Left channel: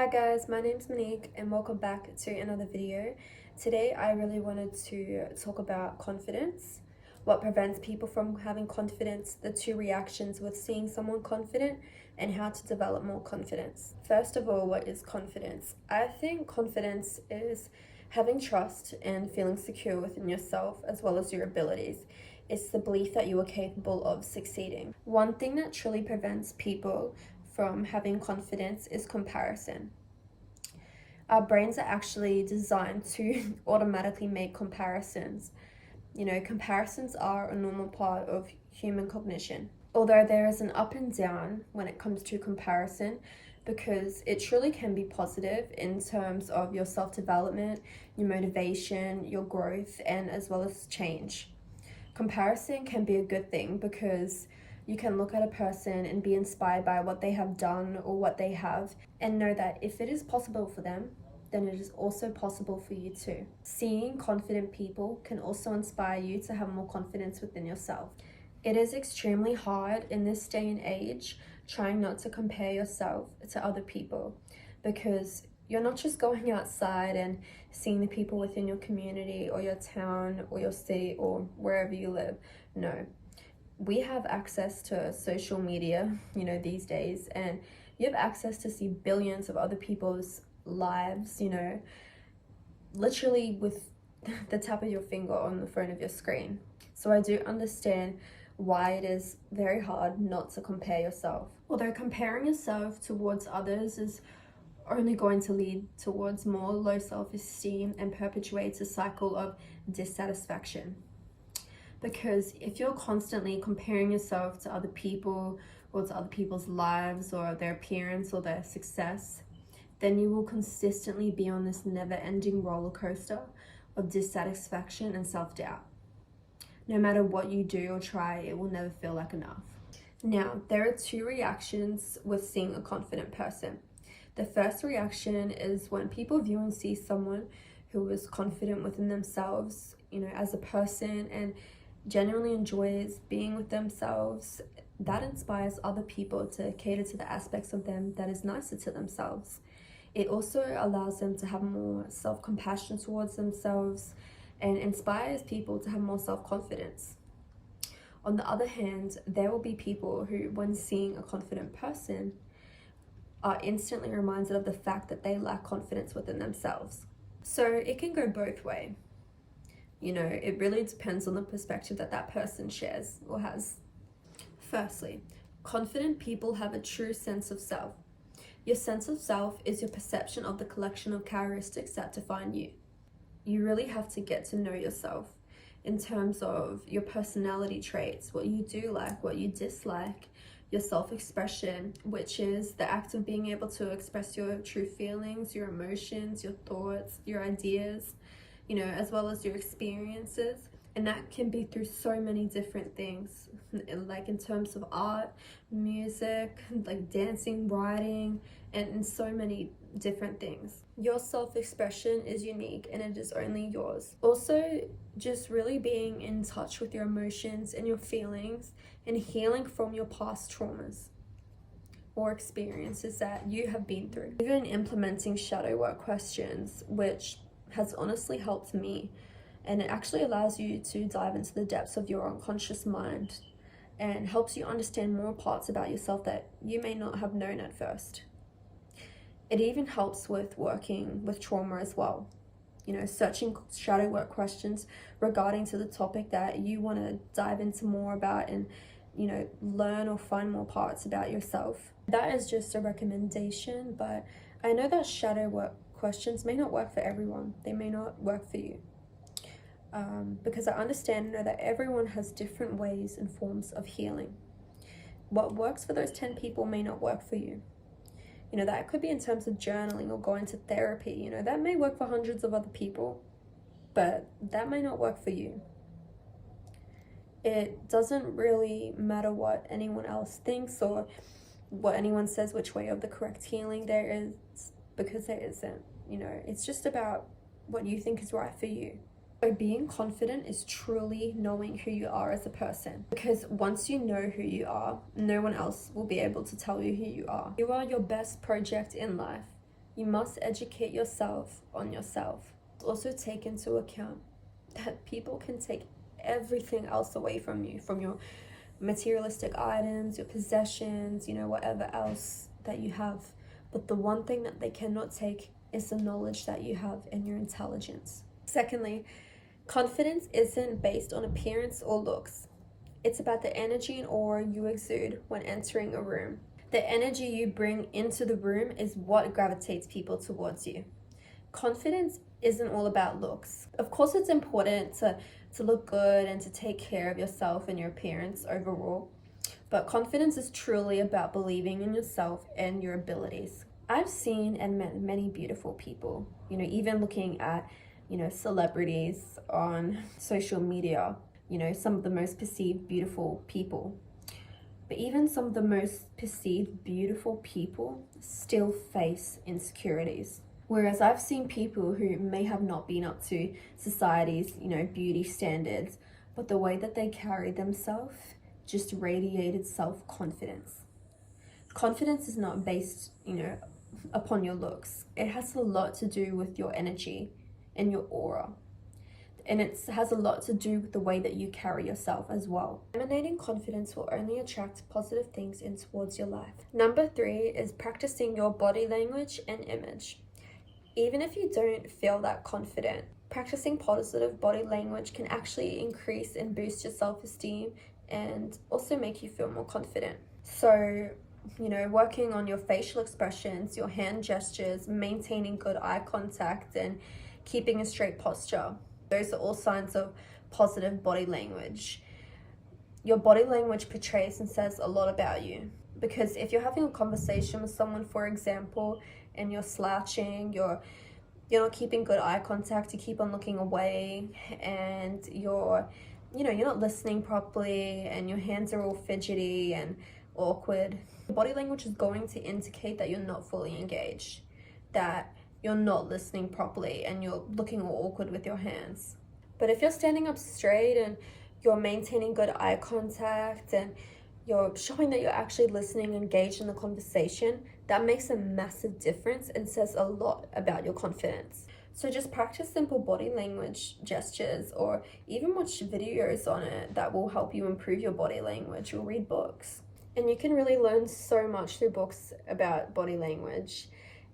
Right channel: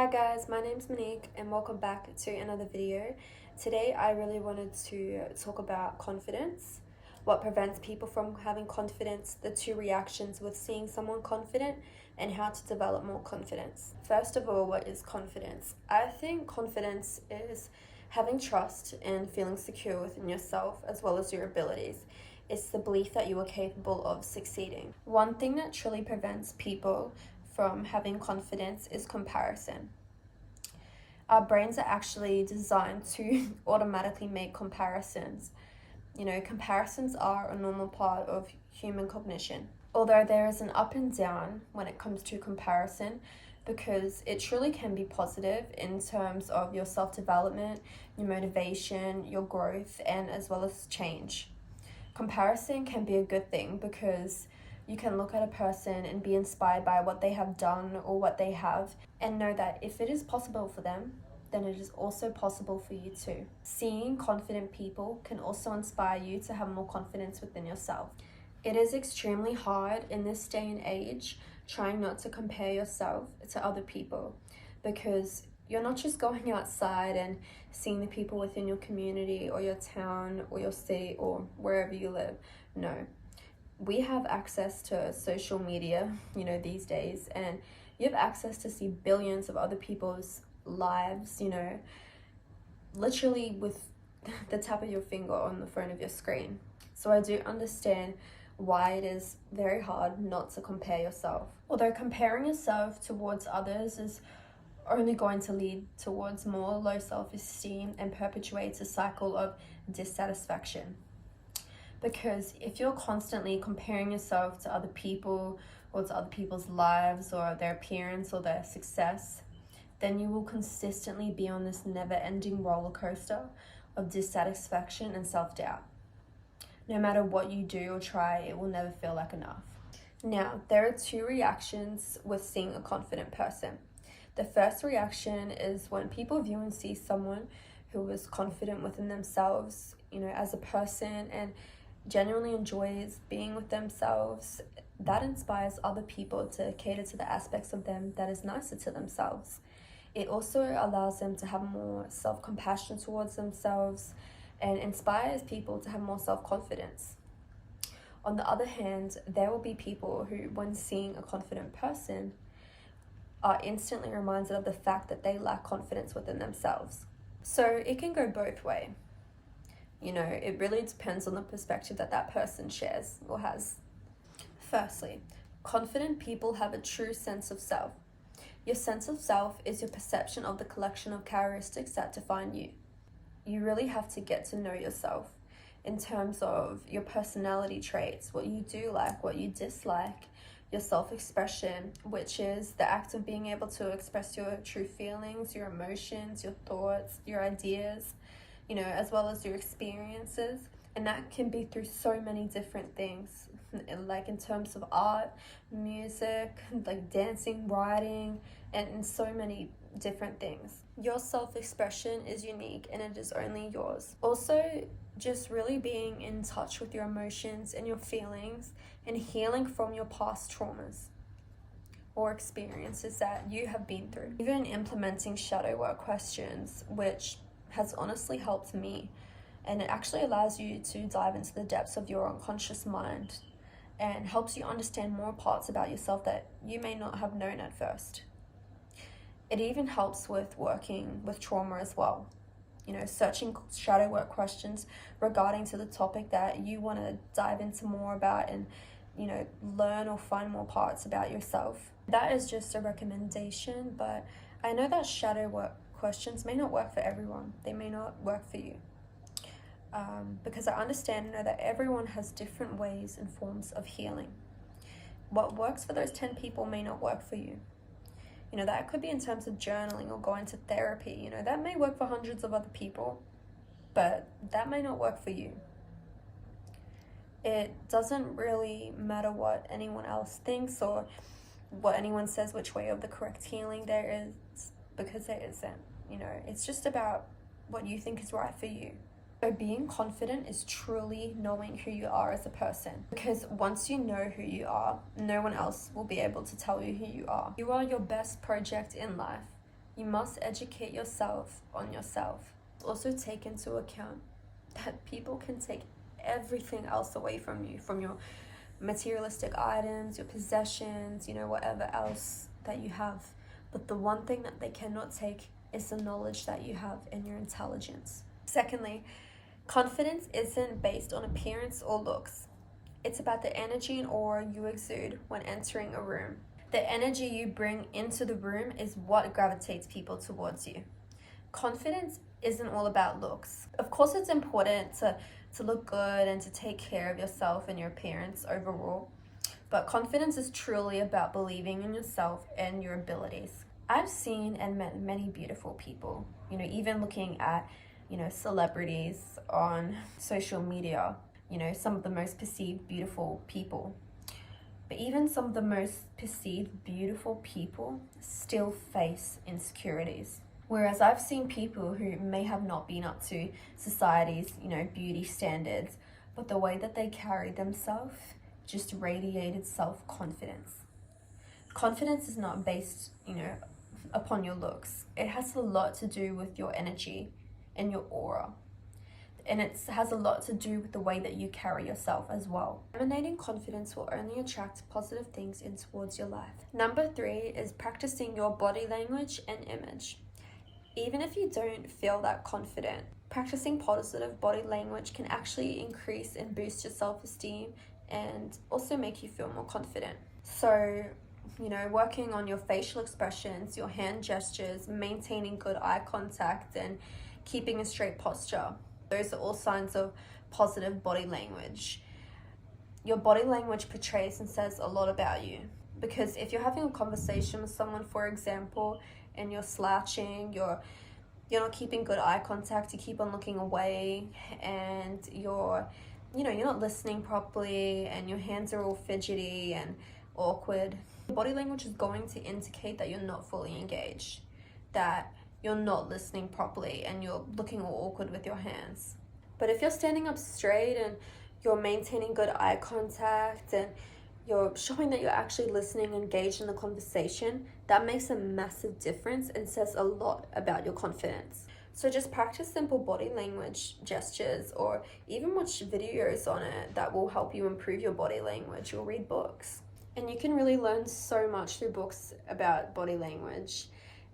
Hi guys, my name's Monique and welcome back to another video. Today I really wanted to talk about confidence, what prevents people from having confidence, the two reactions with seeing someone confident, and how to develop more confidence. First of all, what is confidence? I think confidence is having trust and feeling secure within yourself as well as your abilities. It's the belief that you are capable of succeeding. One thing that truly prevents people from having confidence is comparison. Our brains are actually designed to automatically make comparisons. Comparisons are a normal part of human cognition. Although there is an up and down when it comes to comparison, because it truly can be positive in terms of your self-development, your motivation, your growth, and as well as change. Comparison can be a good thing because you can look at a person and be inspired by what they have done or what they have and know that if it is possible for them, then it is also possible for you too. Seeing confident people can also inspire you to have more confidence within yourself. It is extremely hard in this day and age trying not to compare yourself to other people, because you're not just going outside and seeing the people within your community or your town or your city or wherever you live. No, we have access to social media, these days, and you have access to see billions of other people's lives, literally with the tap of your finger on the phone of your screen. So I do understand why it is very hard not to compare yourself. Although comparing yourself towards others is only going to lead towards more low self-esteem and perpetuates a cycle of dissatisfaction. Because if you're constantly comparing yourself to other people or to other people's lives or their appearance or their success, then you will consistently be on this never-ending roller coaster of dissatisfaction and self-doubt. No matter what you do or try, it will never feel like enough. Now, there are two reactions with seeing a confident person. The first reaction is when people view and see someone who is confident within themselves, as a person, and genuinely enjoys being with themselves. That inspires other people to cater to the aspects of them that is nicer to themselves. It also allows them to have more self-compassion towards themselves and inspires people to have more self-confidence. On the other hand, there will be people who, when seeing a confident person, are instantly reminded of the fact that they lack confidence within themselves. So it can go both ways. It really depends on the perspective that person shares or has. Firstly, confident people have a true sense of self. Your sense of self is your perception of the collection of characteristics that define you. You really have to get to know yourself in terms of your personality traits, what you do like, what you dislike, your self-expression, which is the act of being able to express your true feelings, your emotions, your thoughts, your ideas, as well as your experiences. And that can be through so many different things, like in terms of art, music, like dancing, writing, and in so many different things. Your self-expression is unique and it is only yours. Also, just really being in touch with your emotions and your feelings and healing from your past traumas or experiences that you have been through. Even implementing shadow work questions, which has honestly helped me, and it actually allows you to dive into the depths of your unconscious mind and helps you understand more parts about yourself that you may not have known at first. It even helps with working with trauma as well. Searching shadow work questions regarding to the topic that you want to dive into more about and learn or find more parts about yourself. That is just a recommendation, but I know that shadow work questions may not work for everyone. They may not work for you. Because I understand and know that everyone has different ways and forms of healing. What works for those 10 people may not work for you. That could be in terms of journaling or going to therapy. That may work for hundreds of other people, but that may not work for you. It doesn't really matter what anyone else thinks or what anyone says which way of the correct healing there is, because there isn't. It's just about what you think is right for you. So being confident is truly knowing who you are as a person, because once you know who you are, no one else will be able to tell you who you are. You are your best project in life. You must educate yourself on yourself. Also take into account that people can take everything else away from you, from your materialistic items, your possessions, whatever else that you have. But the one thing that they cannot take is the knowledge that you have and your intelligence. Secondly, confidence isn't based on appearance or looks. It's about the energy and aura you exude when entering a room. The energy you bring into the room is what gravitates people towards you. Confidence isn't all about looks. Of course, it's important to look good and to take care of yourself and your appearance overall, but confidence is truly about believing in yourself and your abilities. I've seen and met many beautiful people, even looking at, celebrities on social media, some of the most perceived beautiful people. But even some of the most perceived beautiful people still face insecurities. Whereas I've seen people who may have not been up to society's, beauty standards, but the way that they carry themselves just radiated self-confidence. Confidence is not based, upon your looks. It has a lot to do with your energy and your aura. And it has a lot to do with the way that you carry yourself as well. Emanating confidence will only attract positive things in towards your life. Number 3 is practicing your body language and image. Even if you don't feel that confident, practicing positive body language can actually increase and boost your self-esteem and also make you feel more confident. So, working on your facial expressions, your hand gestures, maintaining good eye contact, and keeping a straight posture. Those are all signs of positive body language. Your body language portrays and says a lot about you. Because if you're having a conversation with someone, for example, and you're slouching, you're not keeping good eye contact, you keep on looking away, and you're not listening properly, and your hands are all fidgety and awkward, body language is going to indicate that you're not fully engaged, that you're not listening properly, and you're looking all awkward with your hands. But if you're standing up straight and you're maintaining good eye contact and you're showing that you're actually listening, engaged in the conversation, that makes a massive difference and says a lot about your confidence. So just practice simple body language gestures, or even watch videos on it that will help you improve your body language, or read books. And you can really learn so much through books about body language,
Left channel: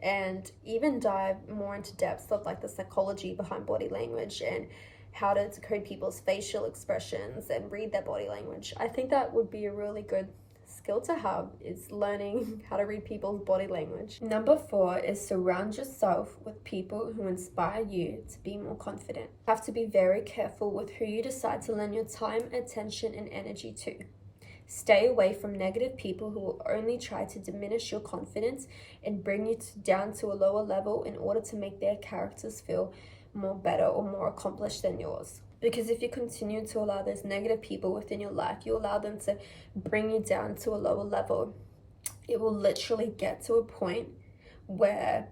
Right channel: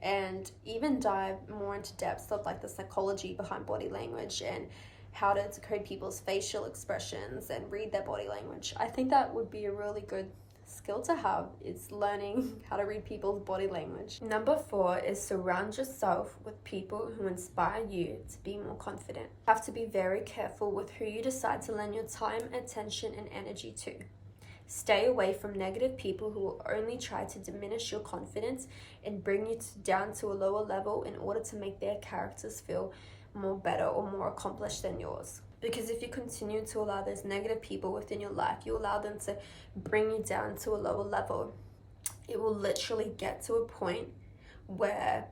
and even dive more into depths of the psychology behind body language and how to decode people's facial expressions and read their body language. I think that would be a really good skill to have, is learning how to read people's body language. Number 4 is surround yourself with people who inspire you to be more confident. You have to be very careful with who you decide to lend your time, attention, and energy to. Stay away from negative people who will only try to diminish your confidence and bring you down to a lower level in order to make their characters feel more better or more accomplished than yours. Because if you continue to allow those negative people within your life, you allow them to bring you down to a lower level, it will literally get to a point where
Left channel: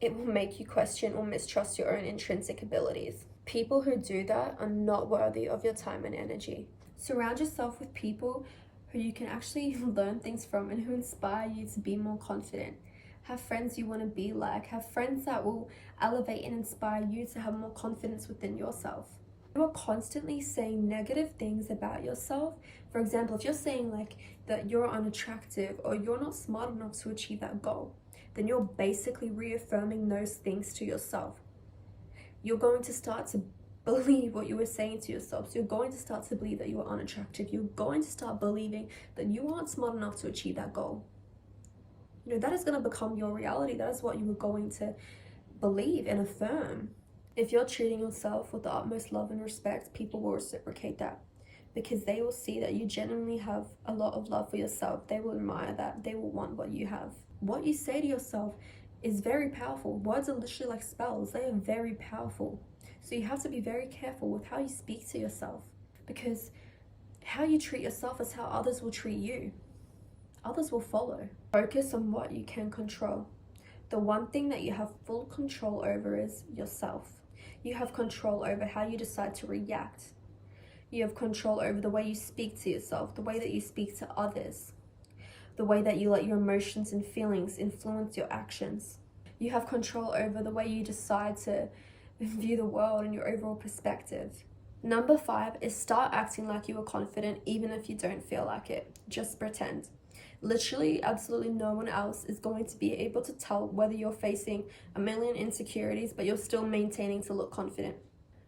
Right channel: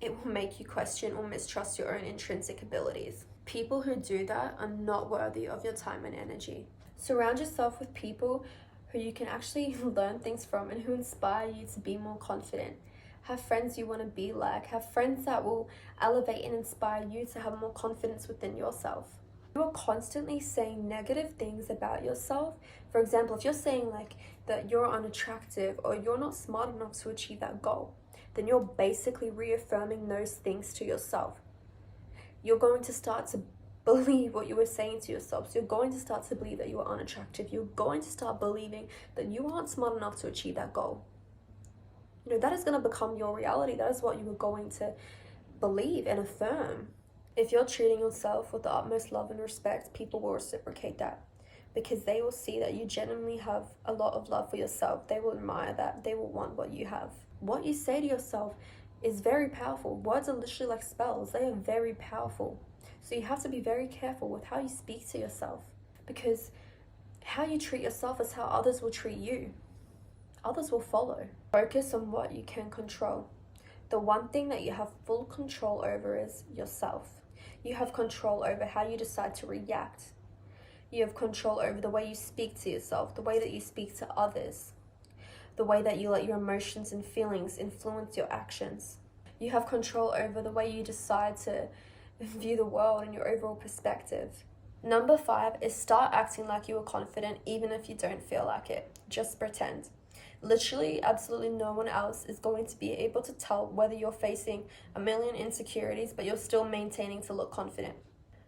it will make you question or mistrust your own intrinsic abilities. People who do that are not worthy of your time and energy. Surround yourself with people who you can actually learn things from and who inspire you to be more confident. Have friends you want to be like. Have friends that will elevate and inspire you to have more confidence within yourself. You are constantly saying negative things about yourself. For example, if you're saying that you're unattractive or you're not smart enough to achieve that goal, then you're basically reaffirming those things to yourself. You're going to start to believe what you were saying to yourself. So you're going to start to believe that you are unattractive. You're going to start believing that you aren't smart enough to achieve that goal. That is going to become your reality. That is what you are going to believe and affirm. If you're treating yourself with the utmost love and respect, people will reciprocate that, because they will see that you genuinely have a lot of love for yourself. They will admire that. They will want what you have. What you say to yourself is very powerful. Words are literally like spells. They are very powerful. So you have to be very careful with how you speak to yourself, because how you treat yourself is how others will treat you. Others will follow. Focus on what you can control. The one thing that you have full control over is yourself. You have control over how you decide to react. You have control over the way you speak to yourself, the way that you speak to others, the way that you let your emotions and feelings influence your actions. You have control over the way you decide to view the world and your overall perspective. Number 5 is start acting like you are confident even if you don't feel like it. Just pretend. Literally, absolutely no one else is going to be able to tell whether you're facing a million insecurities, but you're still maintaining to look confident.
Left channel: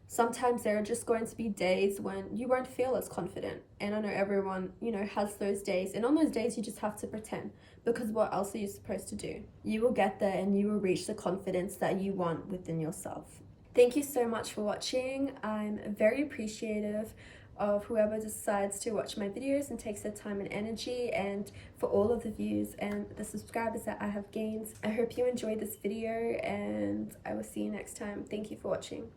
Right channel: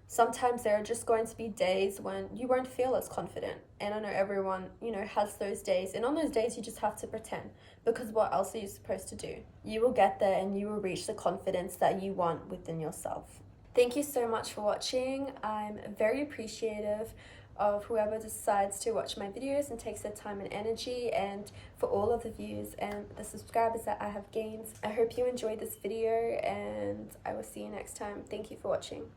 Sometimes there are just going to be days when you won't feel as confident. And I know everyone, has those days. And on those days, you just have to pretend, because what else are you supposed to do? You will get there and you will reach the confidence that you want within yourself. Thank you so much for watching. I'm very appreciative of whoever decides to watch my videos and takes their time and energy, and for all of the views and the subscribers that I have gained. I hope you enjoyed this video, and I will see you next time. Thank you for watching.